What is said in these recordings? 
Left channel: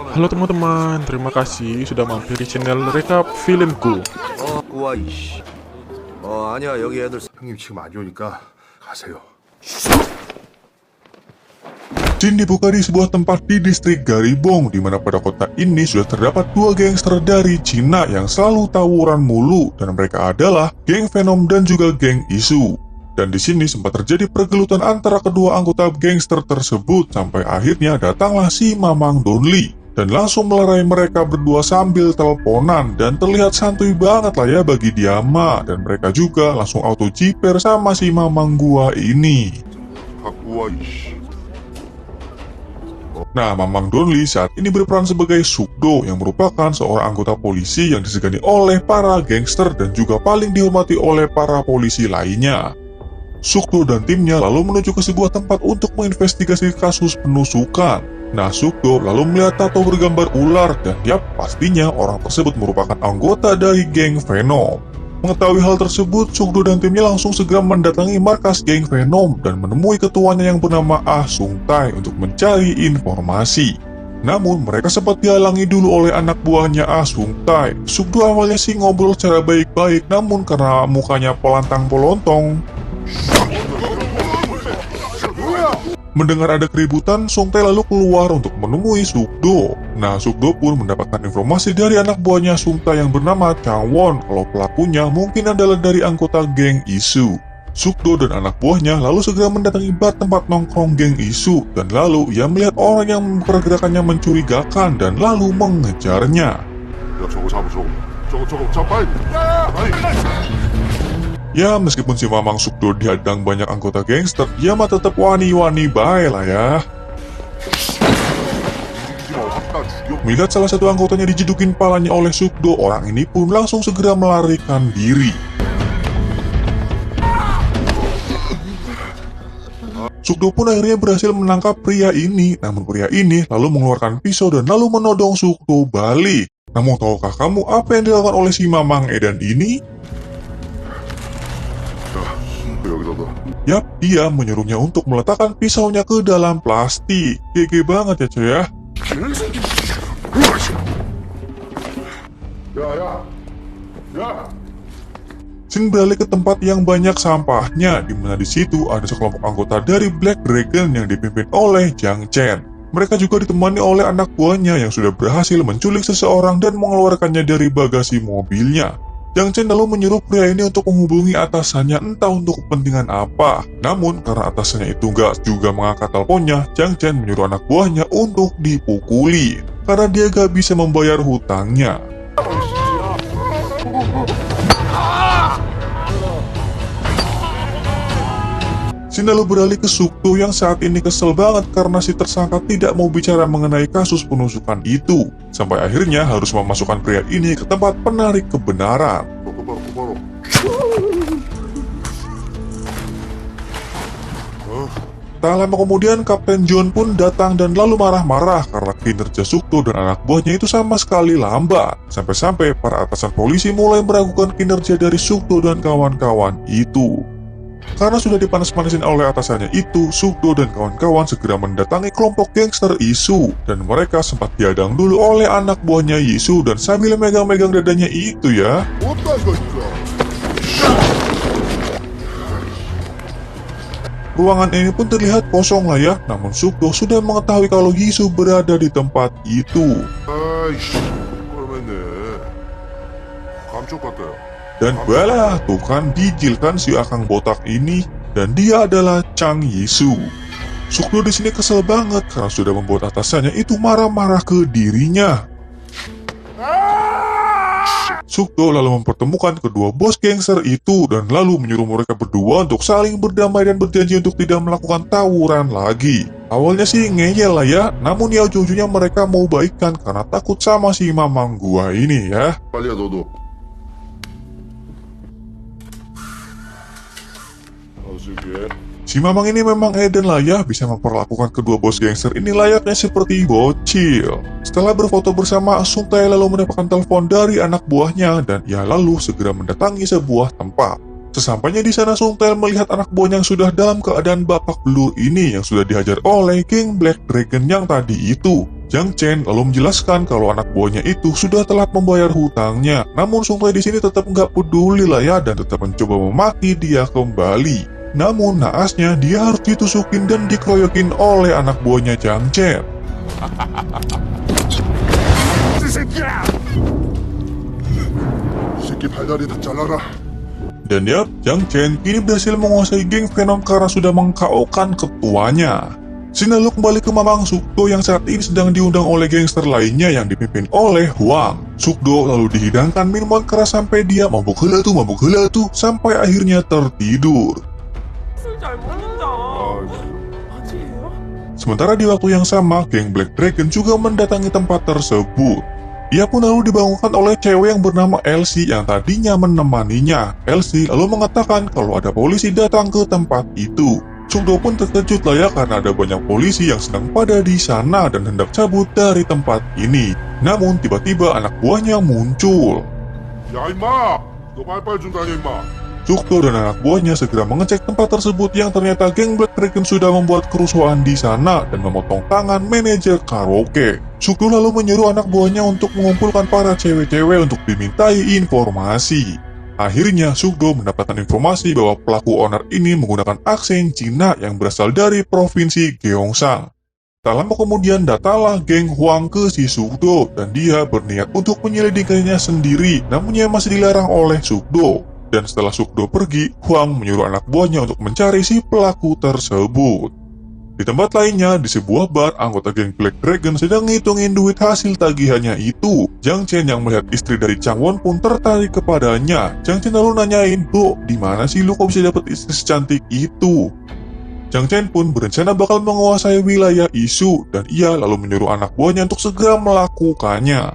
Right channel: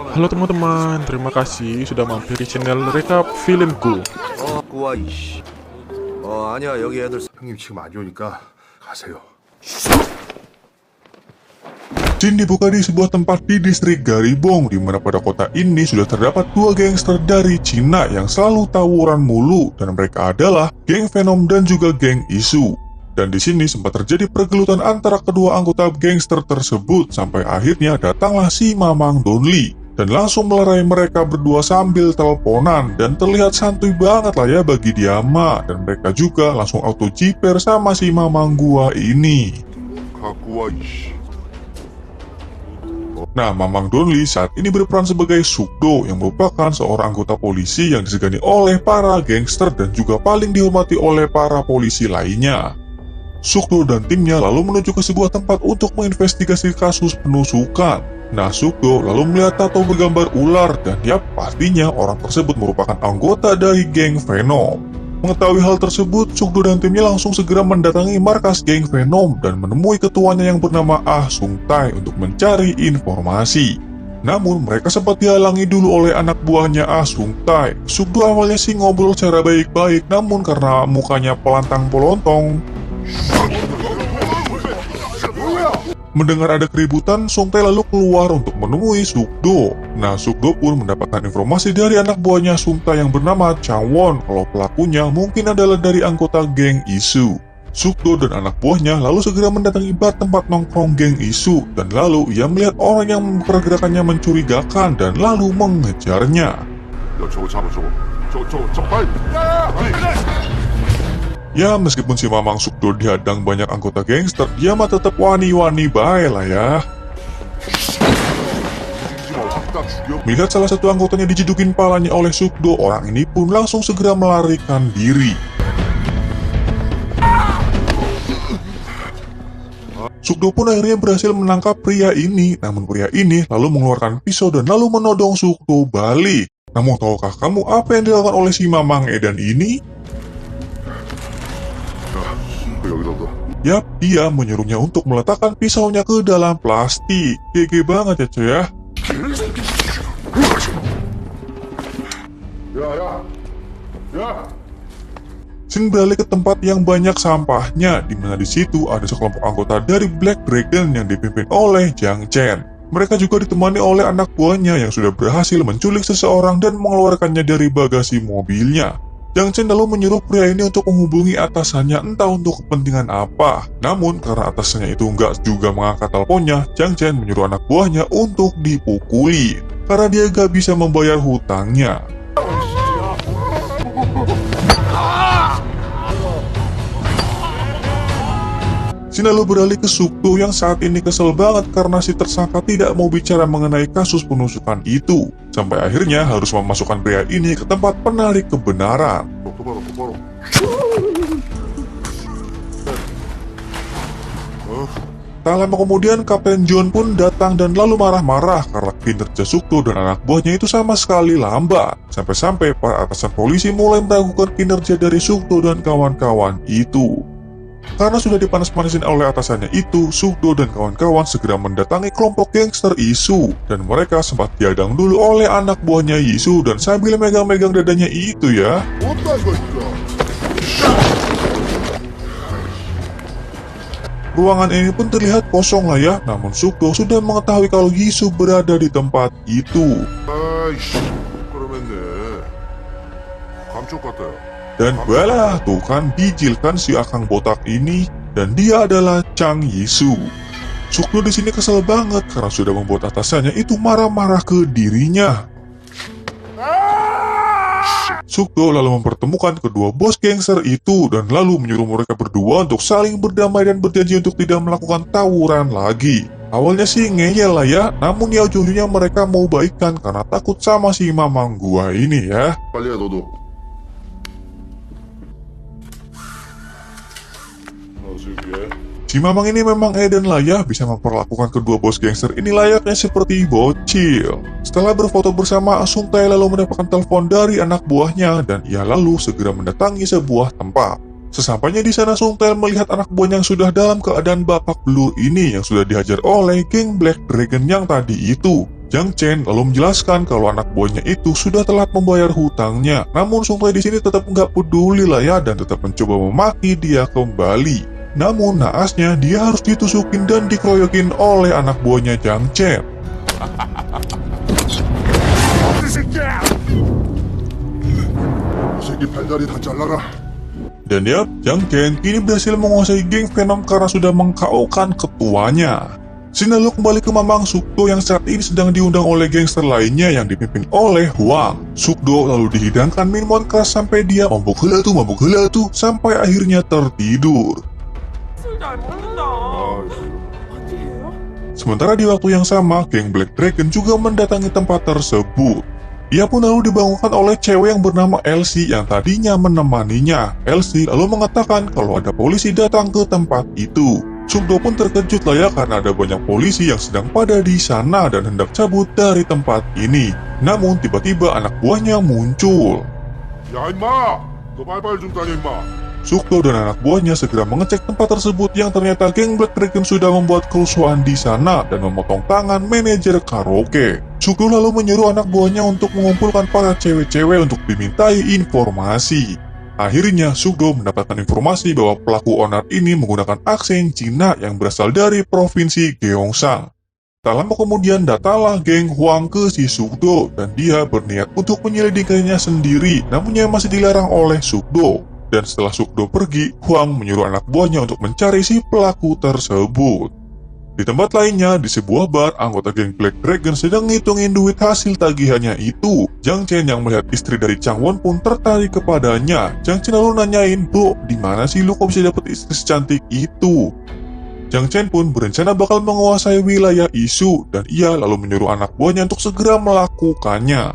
Halo teman-teman, terima kasih sudah mampir di channel Rekap Filmku. 꾸와 이씨. 아니야 여기 애들 형님 지금 안 오니까 가세요. Scene dibuka di sebuah tempat di distrik Garibong, di mana pada kota ini sudah terdapat dua gangster dari Cina yang selalu tawuran mulu, dan mereka adalah geng Venom dan juga geng Isu. Dan di sini sempat terjadi pergelutan antara kedua anggota gangster tersebut, sampai akhirnya datanglah si Mamang Donli dan langsung melerai mereka berdua sambil teleponan, dan terlihat santuy banget lah ya bagi dia mah, dan mereka juga langsung auto jiper sama si Mamang gua ini. 꾸와 이씨. Nah, Mamang Donli saat ini berperan sebagai Sukdo yang merupakan seorang anggota polisi yang disegani oleh para gangster dan juga paling dihormati oleh para polisi lainnya. Sukdo dan timnya lalu menuju ke sebuah tempat untuk menginvestigasi kasus penusukan. Nah, Sukdo lalu melihat tato bergambar ular dan ya pastinya orang tersebut merupakan anggota dari geng Venom. Mengetahui hal tersebut, Sukdo dan timnya langsung segera mendatangi markas geng Venom dan menemui ketuanya yang bernama Ah Sung Tai untuk mencari informasi. Namun, mereka sempat dihalangi dulu oleh anak buahnya Ah Sung Tai. Sukdo awalnya sih ngobrol secara baik-baik, namun karena mukanya pelantang-pelontong, mendengar ada keributan, Sung Tai lalu keluar untuk menemui Sukdo. Nah, Sukdo pun mendapatkan informasi dari anak buahnya Sung Tai yang bernama Chawon kalau pelakunya mungkin adalah dari anggota geng Isu. Sukdo dan anak buahnya lalu segera mendatangi tempat nongkrong geng Isu, dan lalu ia melihat orang yang pergerakannya mencurigakan dan lalu mengejarnya. 저거 잡으죠. 저 빨리. Ya, meskipun si Mamang Sukdo dihadang banyak anggota gangster, dia mah tetap wani-wani bae lah ya. Melihat salah satu anggotanya dijedukin palanya oleh Sukdo, orang ini pun langsung segera melarikan diri. Sukdo pun akhirnya berhasil menangkap pria ini, namun pria ini lalu mengeluarkan pisau dan lalu menodong Sukdo balik. Namun tahukah kamu apa yang dilakukan oleh si Mamang Edan ini? 여기다가. Yap, dia menyuruhnya untuk meletakkan pisaunya ke dalam plastik. GG banget ya cuy ya. 야. Scene beralih ke tempat yang banyak sampahnya, di mana di situ ada sekelompok anggota dari Black Dragon yang dipimpin oleh Jiang Chen. Mereka juga ditemani oleh anak buahnya yang sudah berhasil menculik seseorang dan mengeluarkannya dari bagasi mobilnya. Jiang Chen lalu menyuruh pria ini untuk menghubungi atasannya entah untuk kepentingan apa. Namun karena atasannya itu nggak juga mengangkat teleponnya, Jiang Chen menyuruh anak buahnya untuk dipukuli karena dia gak bisa membayar hutangnya. Scene lalu beralih ke Sukdo yang saat ini kesel banget karena si tersangka tidak mau bicara mengenai kasus penusukan itu. Sampai akhirnya harus memasukkan pria ini ke tempat penarik kebenaran. 똑바로. Tak lama kemudian Kapten John pun datang dan lalu marah-marah karena kinerja Sukdo dan anak buahnya itu sama sekali lambat. Sampai-sampai para atasan polisi mulai meragukan kinerja dari Sukdo dan kawan-kawan itu. Karena sudah dipanas-panasin oleh atasannya itu, Sukdo dan kawan-kawan segera mendatangi kelompok gangster Isu, dan mereka sempat diadang dulu oleh anak buahnya Isu dan sambil megang-megang dadanya itu ya. Ruangan ini pun terlihat kosong lah ya, namun Sukdo sudah mengetahui kalau Isu berada di tempat itu. 아이씨. 그러면네. 감쪽 같아요. Dan bah, tuh kan dijilkan si akang botak ini, dan dia adalah Chang Yisu. Sukdo di sini kesel banget karena sudah membuat atasannya itu marah-marah ke dirinya. Sukdo lalu mempertemukan kedua bos gangster itu dan lalu menyuruh mereka berdua untuk saling berdamai dan berjanji untuk tidak melakukan tawuran lagi. Awalnya sih ngeyel lah ya, namun ya ujung-ujungnya mereka mau baikan karena takut sama si Mamang gua ini ya. 빨리 해 너도. Si Mamang ini memang edan lah ya, bisa memperlakukan kedua bos gangster ini layaknya seperti bocil. Setelah berfoto bersama, Sung Tai lalu mendapatkan telepon dari anak buahnya dan ia lalu segera mendatangi sebuah tempat. Sesampainya di sana, Sung Tai melihat anak buahnya yang sudah dalam keadaan babak belur ini yang sudah dihajar oleh geng Black Dragon yang tadi itu. Jiang Chen lalu menjelaskan kalau anak buahnya itu sudah telat membayar hutangnya. Namun Sung Tai di sini tetap nggak peduli lah ya dan tetap mencoba memaki dia kembali. Namun naasnya dia harus ditusukin dan dikeroyokin oleh anak buahnya Jiang Chen. 이 새끼 발다리 다 잘라라. Dan ya, Jiang Chen kini berhasil menguasai geng Venom karena sudah meng-KO-kan ketuanya. Sini lalu kembali ke Mamang Sukdo yang saat ini sedang diundang oleh gangster lainnya yang dipimpin oleh Huang. Sukdo lalu dihidangkan minuman keras sampai dia mabuk heula tuh, sampai akhirnya tertidur. Sementara di waktu yang sama, geng Black Dragon juga mendatangi tempat tersebut. Dia pun lalu dibangunkan oleh cewek yang bernama Elsie yang tadinya menemaninya. Elsie lalu mengatakan kalau ada polisi datang ke tempat itu. Sukdo pun terkejut lah ya karena ada banyak polisi yang sedang pada di sana dan hendak cabut dari tempat ini. Namun tiba-tiba anak buahnya muncul. 야 임마, 너 빨빨 준다니 임마. Sukdo dan anak buahnya segera mengecek tempat tersebut yang ternyata geng Black Dragon sudah membuat kerusuhan di sana dan memotong tangan manajer karaoke. Sukdo lalu menyuruh anak buahnya untuk mengumpulkan para cewek-cewek untuk dimintai informasi. Akhirnya Sukdo mendapatkan informasi bahwa pelaku onar ini menggunakan aksen Cina yang berasal dari provinsi Gyeongsang. Tak lama kemudian datanglah geng Huang ke si Sukdo dan dia berniat untuk menyelidikinya sendiri, namun ia masih dilarang oleh Sukdo. Dan setelah Sukdo pergi, Huang menyuruh anak buahnya untuk mencari si pelaku tersebut. Di tempat lainnya, di sebuah bar, anggota geng Black Dragon sedang ngitungin duit hasil tagihannya itu. Jiang Chen yang melihat istri dari Chang Won pun tertarik kepadanya. Jiang Chen lalu nanyain, "Bro, di mana sih lu kok bisa dapet istri secantik itu?" Jiang Chen pun berencana bakal menguasai wilayah Isu, dan ia lalu menyuruh anak buahnya untuk segera melakukannya.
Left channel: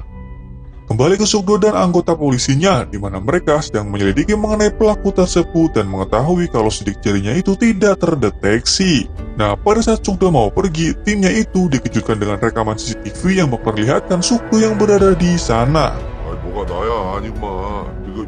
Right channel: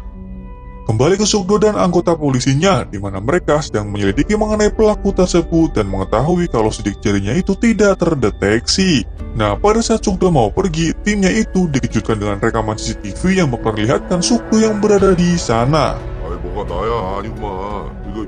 Kembali ke Sukdo dan anggota polisinya, di mana mereka sedang menyelidiki mengenai pelaku tersebut dan mengetahui kalau sidik jarinya itu tidak terdeteksi. Nah, pada saat Sukdo mau pergi, timnya itu dikejutkan dengan rekaman CCTV yang memperlihatkan Sukdo yang berada di sana. 아이 뭐가 나야 아니구만. 이거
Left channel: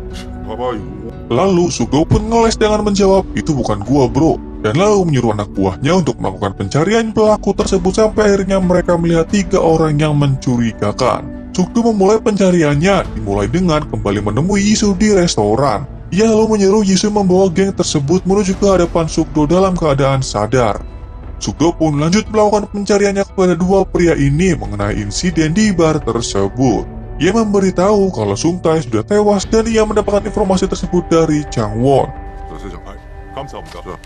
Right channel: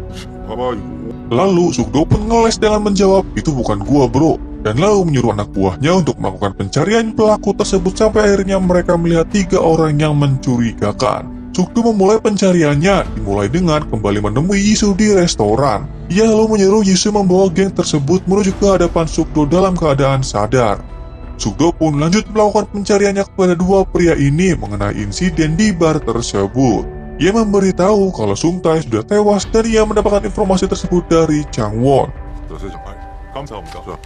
봐봐 이거. Lalu Sukdo pun ngeles dengan menjawab, "Itu bukan gua bro," dan lalu menyuruh anak buahnya untuk melakukan pencarian pelaku tersebut sampai akhirnya mereka melihat 3 orang yang mencurigakan. Sukdo memulai pencariannya, dimulai dengan kembali menemui Yisu di restoran. Ia lalu menyuruh Yisu membawa geng tersebut menuju ke hadapan Sukdo dalam keadaan sadar. Sukdo pun lanjut melakukan pencariannya kepada 2 pria ini mengenai insiden di bar tersebut. Ia memberitahu kalau Sung Tai sudah tewas dan ia mendapatkan informasi tersebut dari Chang Won. 선생님, 감사합니다.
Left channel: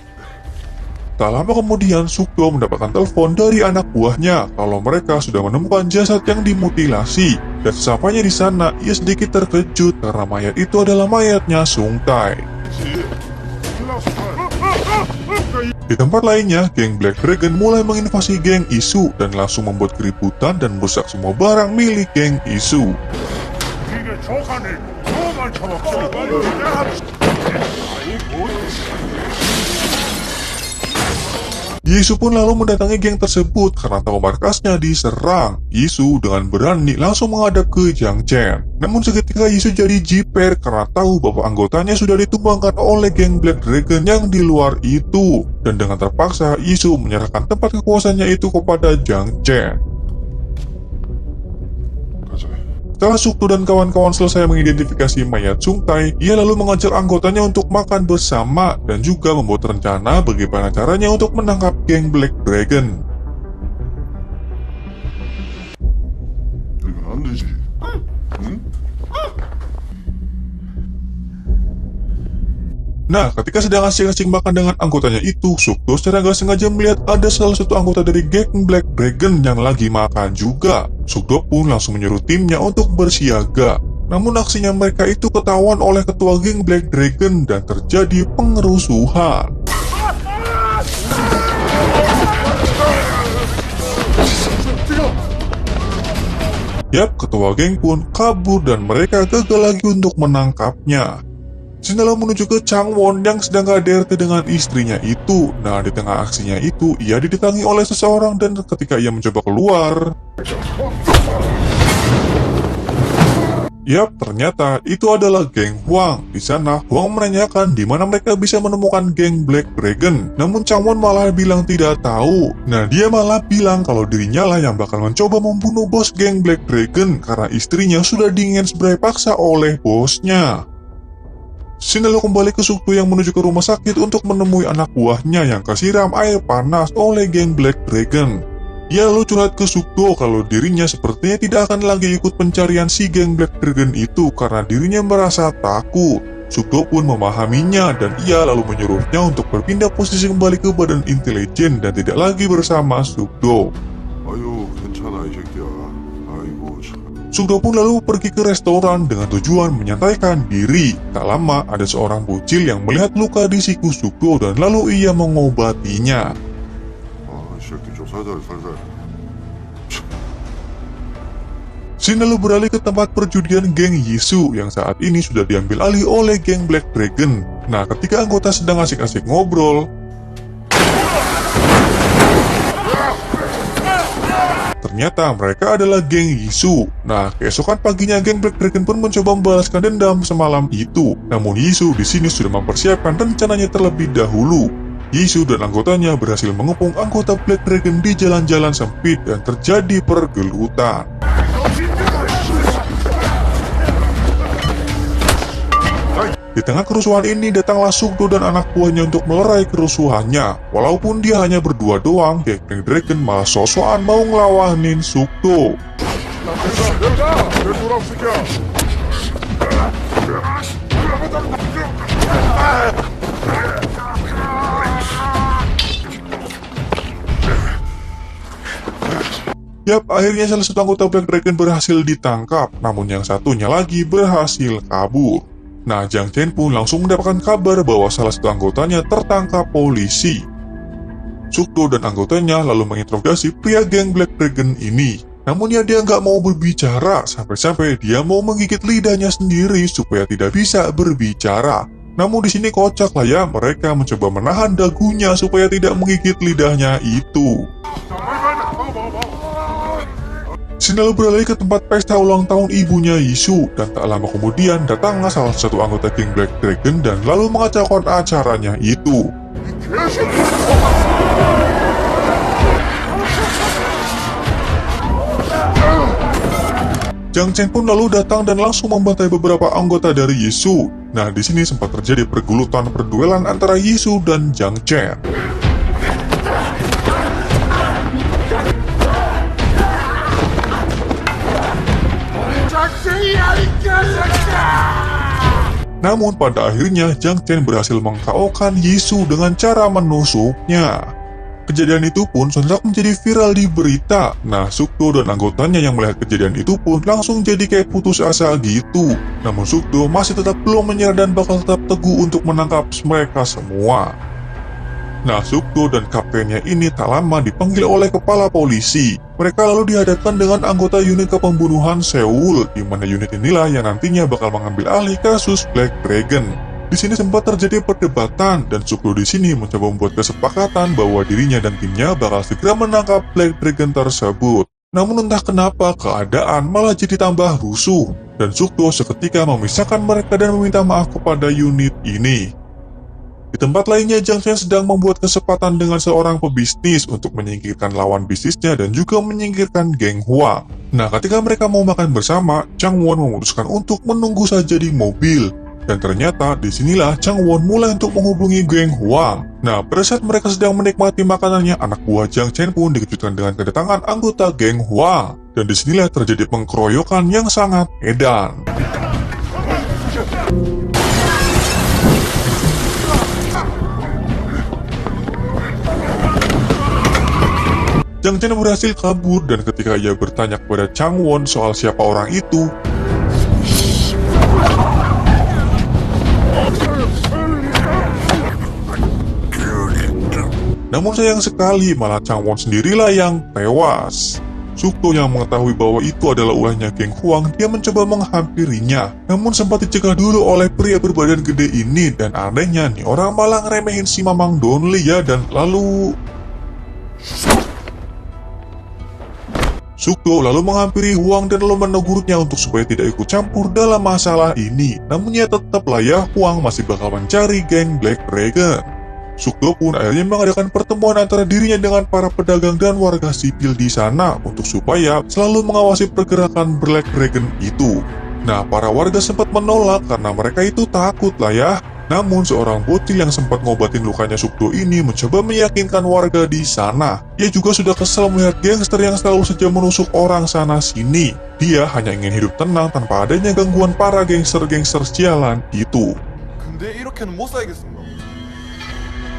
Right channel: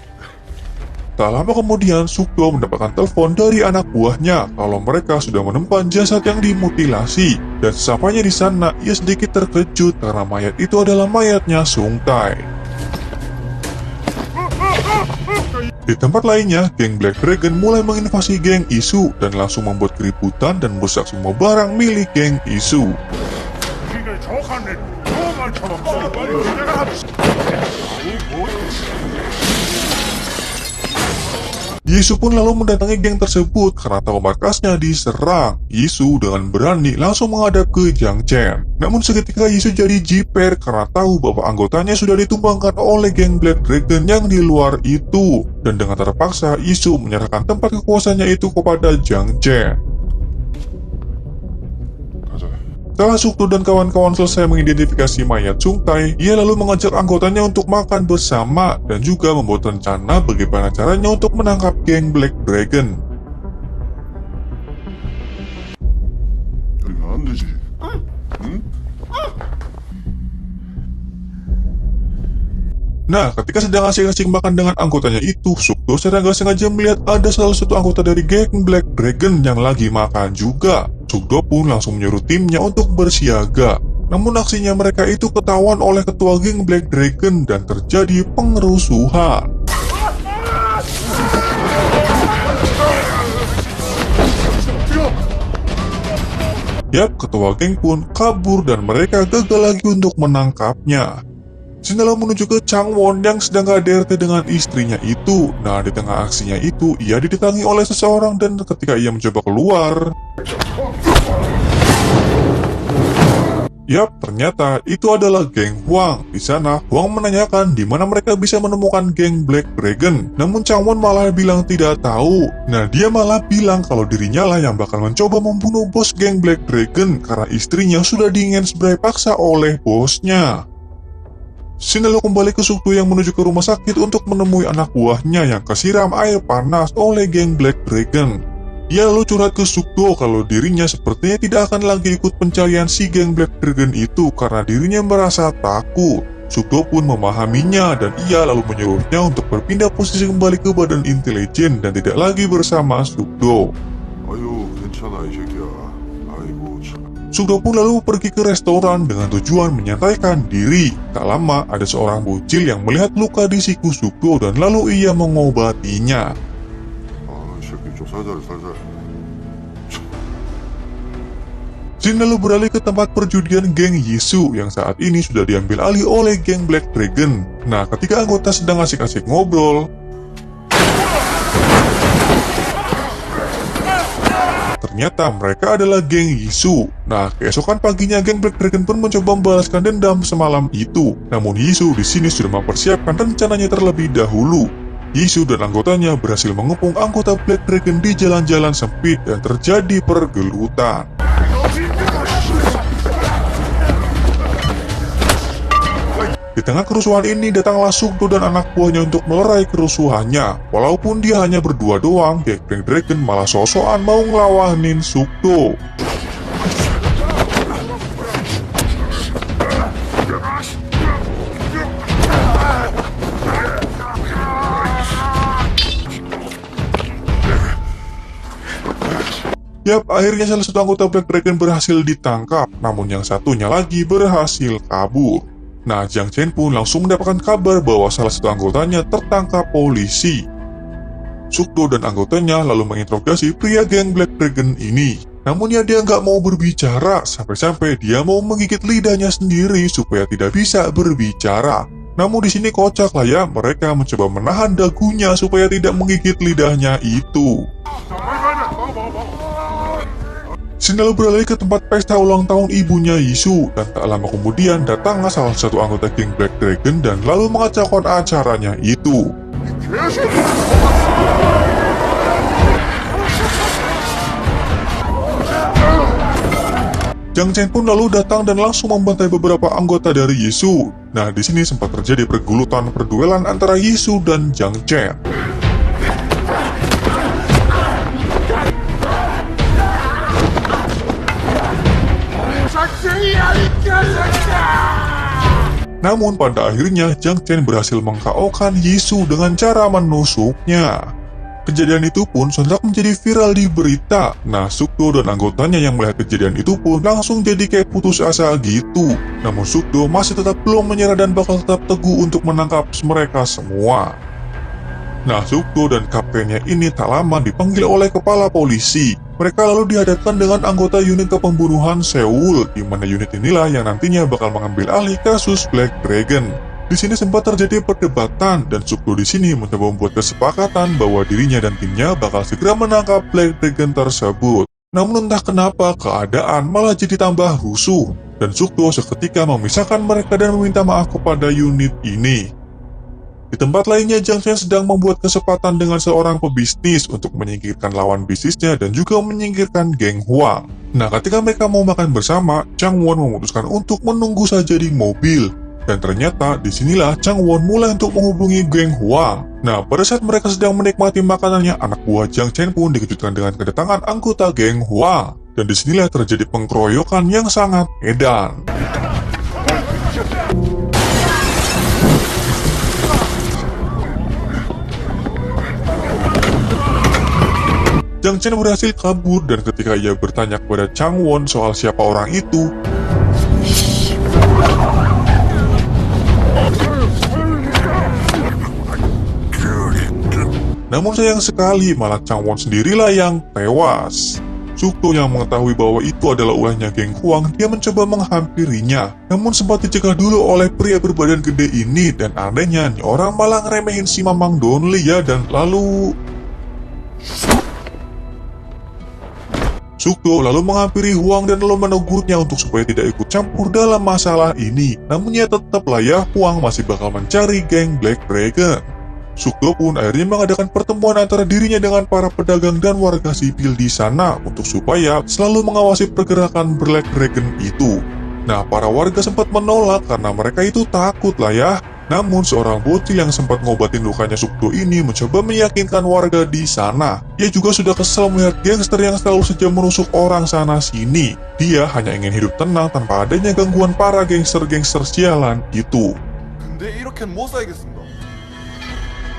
Tak lama kemudian, Sukdo mendapatkan telepon dari anak buahnya kalau mereka sudah menemukan jasad yang dimutilasi. Dan sesampainya di sana, ia sedikit terkejut karena mayat itu adalah mayatnya Sung Tai. Di tempat lainnya, geng Black Dragon mulai menginvasi geng Isu dan langsung membuat keributan dan merusak semua barang milik geng Isu. Yisu pun lalu mendatangi geng tersebut karena tahu markasnya diserang. Yisu dengan berani langsung menghadap ke Jiang Chen. Namun seketika Yisu jadi jiper karena tahu bahwa anggotanya sudah ditumbangkan oleh geng Black Dragon yang di luar itu. Dan dengan terpaksa Yisu menyerahkan tempat kekuasaannya itu kepada Jiang Chen. Setelah Sukdo dan kawan-kawan selesai mengidentifikasi mayat Sung Tai, ia lalu mengajak anggotanya untuk makan bersama dan juga membuat rencana bagaimana caranya untuk menangkap geng Black Dragon. 이거 안 되지. 응? Nah, ketika sedang asing-asing makan dengan anggotanya itu, Sukdo secara gak sengaja melihat ada salah satu anggota dari geng Black Dragon yang lagi makan juga. Sukdo pun langsung menyuruh timnya untuk bersiaga. Namun aksinya mereka itu ketahuan oleh ketua geng Black Dragon dan terjadi pengerusuhan. Yap, ketua geng pun kabur dan mereka gagal lagi untuk menangkapnya. Sinela menuju ke Chang Won yang sedang KDRT dengan istrinya itu. Nah, di tengah aksinya itu, ia didatangi oleh seseorang dan ketika ia mencoba keluar, Yap, ternyata itu adalah geng Huang. Di sana, Huang menanyakan di mana mereka bisa menemukan geng Black Dragon. Namun Changwon malah bilang tidak tahu. Nah, dia malah bilang kalau dirinya lah yang bakal mencoba membunuh bos geng Black Dragon karena istrinya sudah diinspirasi paksa oleh bosnya. Shin lalu kembali ke Sukdo yang menuju ke rumah sakit untuk menemui anak buahnya yang kesiram air panas oleh geng Black Dragon. Ia lalu curhat ke Sukdo kalau dirinya sepertinya tidak akan lagi ikut pencarian si geng Black Dragon itu karena dirinya merasa takut. Sukdo pun memahaminya dan ia lalu menyuruhnya untuk berpindah posisi kembali ke badan intelijen dan tidak lagi bersama Sukdo. 아유, 괜찮아, 이 새끼야. 아이고, 참. Sukdo pun lalu pergi ke restoran dengan tujuan menyantaikan diri. Tak lama ada seorang bocil yang melihat luka di siku Sukdo dan lalu ia mengobatinya. 아, 이 새끼 좀 살살. Shin lalu beralih ke tempat perjudian geng Yisu yang saat ini sudah diambil alih oleh geng Black Dragon. Nah, ketika anggota sedang asik-asik ngobrol, ternyata mereka adalah geng Yisu. Nah, keesokan paginya geng Black Dragon pun mencoba membalaskan dendam semalam itu. Namun Yisu di sini sudah mempersiapkan rencananya terlebih dahulu. Yisu dan anggotanya berhasil mengepung anggota Black Dragon di jalan-jalan sempit dan terjadi pergelutan. Di tengah kerusuhan ini datanglah Sukdo dan anak buahnya untuk melerai kerusuhannya. Walaupun dia hanya berdua doang, geng Black Dragon malah sosokan mau ngelawanin Sukdo. Yap, akhirnya salah satu anggota Black Dragon berhasil ditangkap, namun yang satunya lagi berhasil kabur. Nah, Jiang Chen pun langsung mendapatkan kabar bahwa salah satu anggotanya tertangkap polisi. Sukdo dan anggotanya lalu menginterogasi pria geng Black Dragon ini. Namun ya dia nggak mau berbicara, sampai-sampai dia mau menggigit lidahnya sendiri supaya tidak bisa berbicara. Namun di sini kocak lah ya, mereka mencoba menahan dagunya supaya tidak menggigit lidahnya itu. Shin lalu beralih ke tempat pesta ulang tahun ibunya Yisu, dan tak lama kemudian datanglah salah satu anggota geng Black Dragon dan lalu mengacaukan acaranya itu. Jiang Chen pun lalu datang dan langsung membantai beberapa anggota dari Yisu. Nah, di sini sempat terjadi perduelan antara Yisu dan Jiang Chen. Namun pada akhirnya Jiang Chen berhasil meng-KO-kan Yisu dengan cara menusuknya. Kejadian itu pun sontak menjadi viral di berita. Nah, Sukdo dan anggotanya yang melihat kejadian itu pun langsung jadi kayak putus asa gitu. Namun Sukdo masih tetap belum menyerah dan bakal tetap teguh untuk menangkap mereka semua. Nah, Sukdo dan kaptennya ini tak lama dipanggil oleh kepala polisi. Mereka lalu dihadapkan dengan anggota unit kepembunuhan Seoul, di mana unit inilah yang nantinya bakal mengambil alih kasus Black Dragon. Di sini sempat terjadi perdebatan dan Sukdo di sini mencoba membuat kesepakatan bahwa dirinya dan timnya bakal segera menangkap Black Dragon tersebut. Namun entah kenapa keadaan malah jadi tambah rusuh dan Sukdo seketika memisahkan mereka dan meminta maaf kepada unit ini. Di tempat lainnya, Jiang Chen sedang membuat kesempatan dengan seorang pebisnis untuk menyingkirkan lawan bisnisnya dan juga menyingkirkan geng Huang. Nah, ketika mereka mau makan bersama, Changwon memutuskan untuk menunggu saja di mobil. Dan ternyata disinilah Changwon mulai untuk menghubungi geng Huang. Nah, pada saat mereka sedang menikmati makanannya, anak buah Jiang Chen pun dikejutkan dengan kedatangan anggota geng Huang. Dan disinilah terjadi pengkeroyokan yang sangat edan. Jiang Chen berhasil kabur dan ketika ia bertanya kepada Changwon soal siapa orang itu, namun sayang sekali malah Changwon sendirilah yang tewas. Sukdo yang mengetahui bahwa itu adalah ulahnya geng Huang, dia mencoba menghampirinya. Namun sempat dicegah dulu oleh pria berbadan gede ini dan anehnya nih orang malah ngeremehin si Mamang Donli ya dan lalu Sukdo lalu menghampiri Huang dan lalu menegurnya untuk supaya tidak ikut campur dalam masalah ini. Namun ya tetaplah ya, Huang masih bakal mencari geng Black Dragon. Sukdo pun akhirnya mengadakan pertemuan antara dirinya dengan para pedagang dan warga sipil di sana untuk supaya selalu mengawasi pergerakan Black Dragon itu. Nah, para warga sempat menolak karena mereka itu takut lah ya. Namun seorang bocil yang sempat ngobatin lukanya Sukdo ini mencoba meyakinkan warga di sana. Dia juga sudah kesal melihat gangster yang selalu saja menusuk orang sana sini. Dia hanya ingin hidup tenang tanpa adanya gangguan para gangster-gangster sialan gitu. 근데 이렇게는 못 살겠습니다.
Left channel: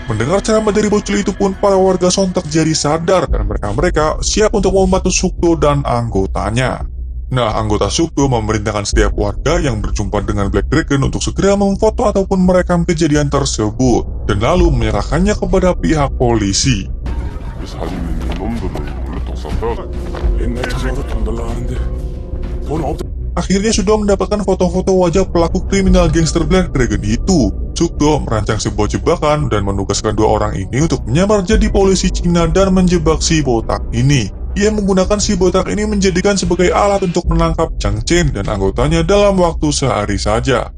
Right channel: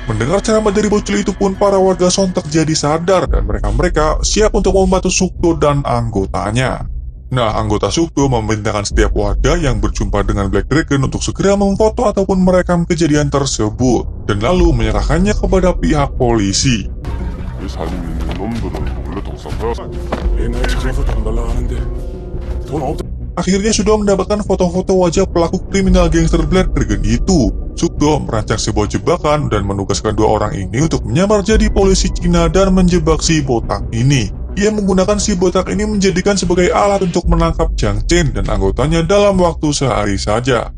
Mendengar ceramah dari bocil itu pun para warga sontak jadi sadar dan mereka siap untuk membantu Sukdo dan anggotanya. Nah, anggota Sukdo memerintahkan setiap warga yang berjumpa dengan Black Dragon untuk segera memfoto ataupun merekam kejadian tersebut dan lalu menyerahkannya kepada pihak polisi. 이 사람들이 놈들은 원래 독삼자가 옛날 찾아서 돈 달라 하는데 돈 없다. Akhirnya Sukdo mendapatkan foto-foto wajah pelaku kriminal gangster Black Dragon itu. Sukdo merancang sebuah jebakan dan menugaskan dua orang ini untuk menyamar jadi polisi Cina dan menjebak si botak ini. Ia menggunakan si botak ini menjadikan sebagai alat untuk menangkap Jiang Chen dan anggotanya dalam waktu sehari saja.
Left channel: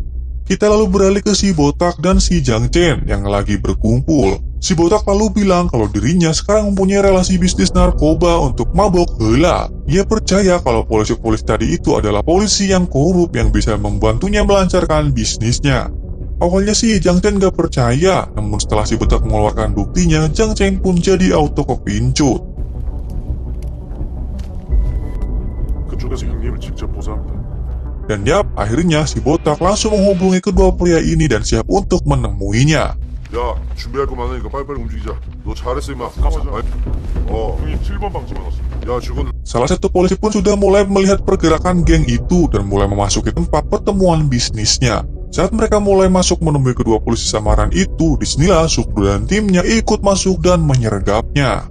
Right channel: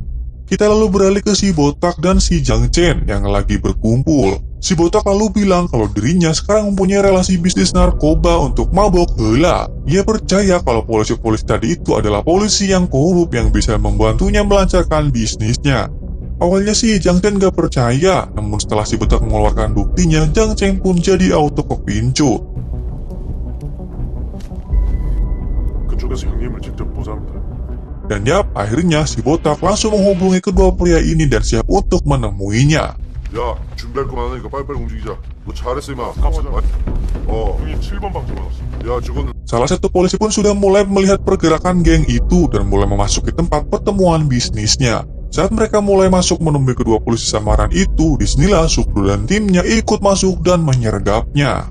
Kita lalu beralih ke si botak dan si Jiang Chen yang lagi berkumpul. Si botak lalu bilang kalau dirinya sekarang mempunyai relasi bisnis narkoba untuk mabok heula. Ia percaya kalau polisi-polisi tadi itu adalah polisi yang korup yang bisa membantunya melancarkan bisnisnya. Awalnya sih Jiang Chen gak percaya, namun setelah si botak mengeluarkan buktinya, Jiang Chen pun jadi auto kepincut. 그쪽에서 형님을 직접 보자는데. Dan yap, akhirnya si botak langsung menghubungi kedua pria ini dan siap untuk menemuinya. 야, 준비할 거 많으니까 빨리빨리 움직이자. 너 잘했어 임마. 형님 7번 방점 받았어. 야, 지금 Salah satu polisi pun sudah mulai melihat pergerakan geng itu dan mulai memasuki tempat pertemuan bisnisnya. Saat mereka mulai masuk menemui kedua polisi samaran itu, disinilah Sukdo dan timnya ikut masuk dan menyergapnya.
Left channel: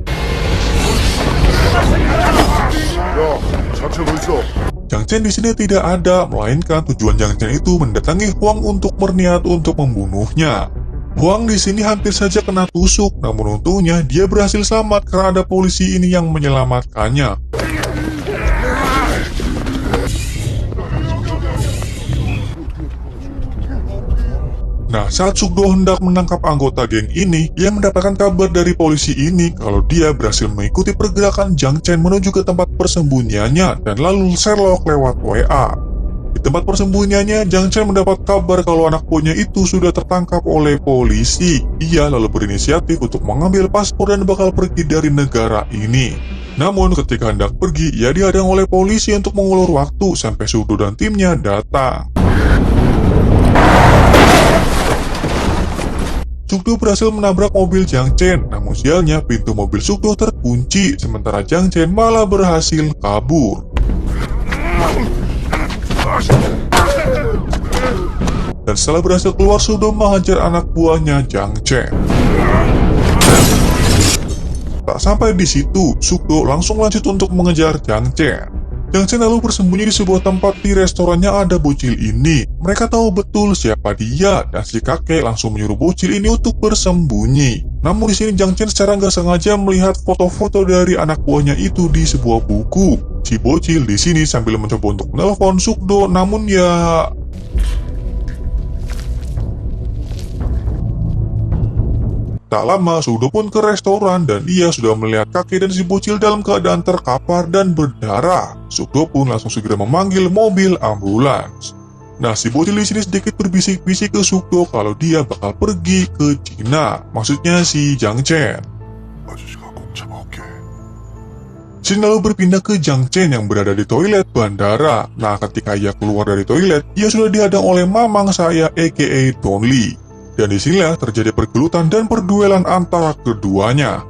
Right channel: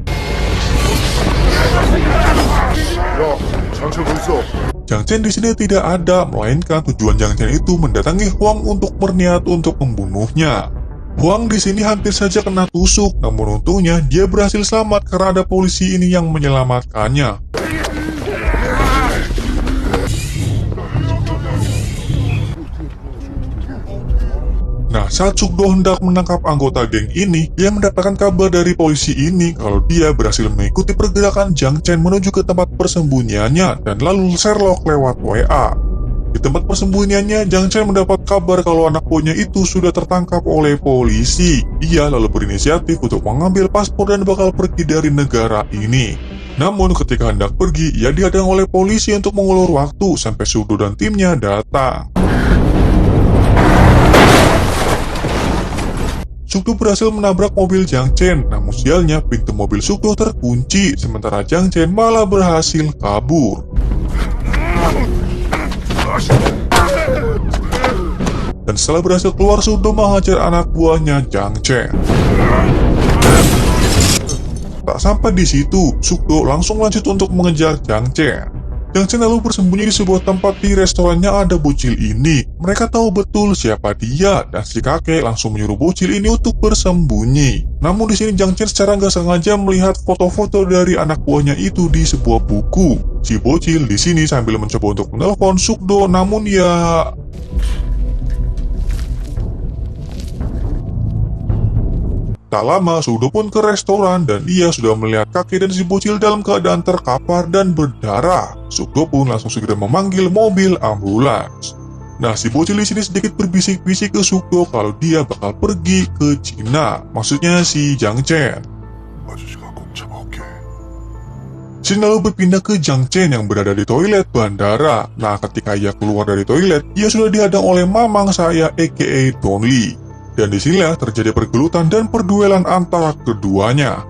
장치 어딨어? Jiang Chen di sini tidak ada, melainkan tujuan Jiang Chen itu mendatangi Huang untuk berniat untuk membunuhnya. Huang di sini hampir saja kena tusuk, namun untungnya dia berhasil selamat karena ada polisi ini yang menyelamatkannya. Nah, saat Sukdo hendak menangkap anggota geng ini, dia mendapatkan kabar dari polisi ini kalau dia berhasil mengikuti pergerakan Jiang Chen menuju ke tempat persembunyiannya dan lalu Sherlock lewat WA. Di tempat persembunyiannya, Jiang Chen mendapat kabar kalau anak buahnya itu sudah tertangkap oleh polisi. Ia lalu berinisiatif untuk mengambil paspor dan bakal pergi dari negara ini. Namun ketika hendak pergi, ia dihadang oleh polisi untuk mengulur waktu sampai Sukdo dan timnya datang. Sukdo berhasil menabrak mobil Jiang Chen, namun sialnya pintu mobil Sukdo terkunci, sementara Jiang Chen malah berhasil kabur. Dan setelah berhasil keluar, Sukdo mengajar anak buahnya Jiang Chen. Tak sampai di situ, Sukdo langsung lanjut untuk mengejar Jiang Chen. Jiang Chen lalu bersembunyi di sebuah tempat di restoran yang ada bocil ini. Mereka tahu betul siapa dia, dan si kakek langsung menyuruh bocil ini untuk bersembunyi. Namun di sini Jiang Chen secara nggak sengaja melihat foto-foto dari anak buahnya itu di sebuah buku. Si bocil di sini sambil mencoba untuk menelpon Sukdo, namun ya... Tak lama, Sukdo pun ke restoran dan dia sudah melihat kakek dan si bocil dalam keadaan terkapar dan berdarah. Sukdo pun langsung segera memanggil mobil ambulans. Nah, si bocil di sini sedikit berbisik-bisik ke Sukdo kalau dia bakal pergi ke Cina. Maksudnya si Jiang Chen. 아저씨가 꼭 잡아올게. Shin lalu berpindah ke Jiang Chen yang berada di toilet bandara. Nah, ketika ia keluar dari toilet, ia sudah dihadang oleh mamang saya aka Don Lee. Dan disinilah terjadi pergelutan dan perduelan antara keduanya.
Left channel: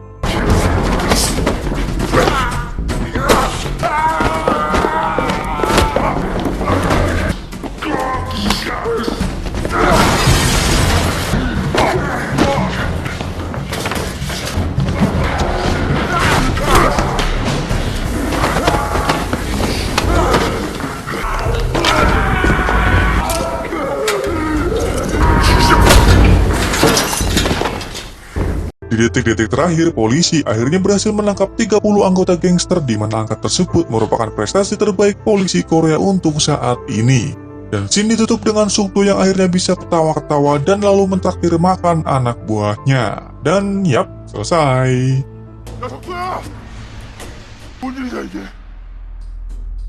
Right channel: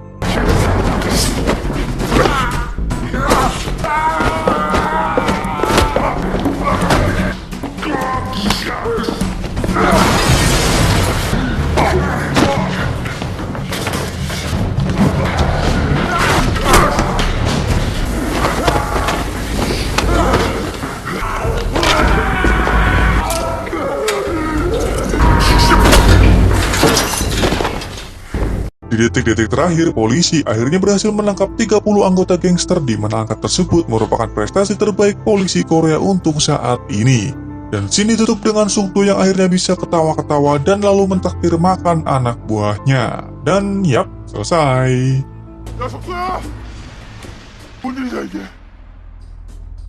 Di detik-detik terakhir terakhir, polisi akhirnya berhasil menangkap 30 anggota gangster di mana angka tersebut merupakan prestasi terbaik polisi Korea untuk saat ini. Dan scene ditutup dengan Sukdo yang akhirnya bisa ketawa-ketawa dan lalu mentraktir makan anak buahnya. Dan yap, selesai. 야, 석수야! 뭔 일이야, 이게?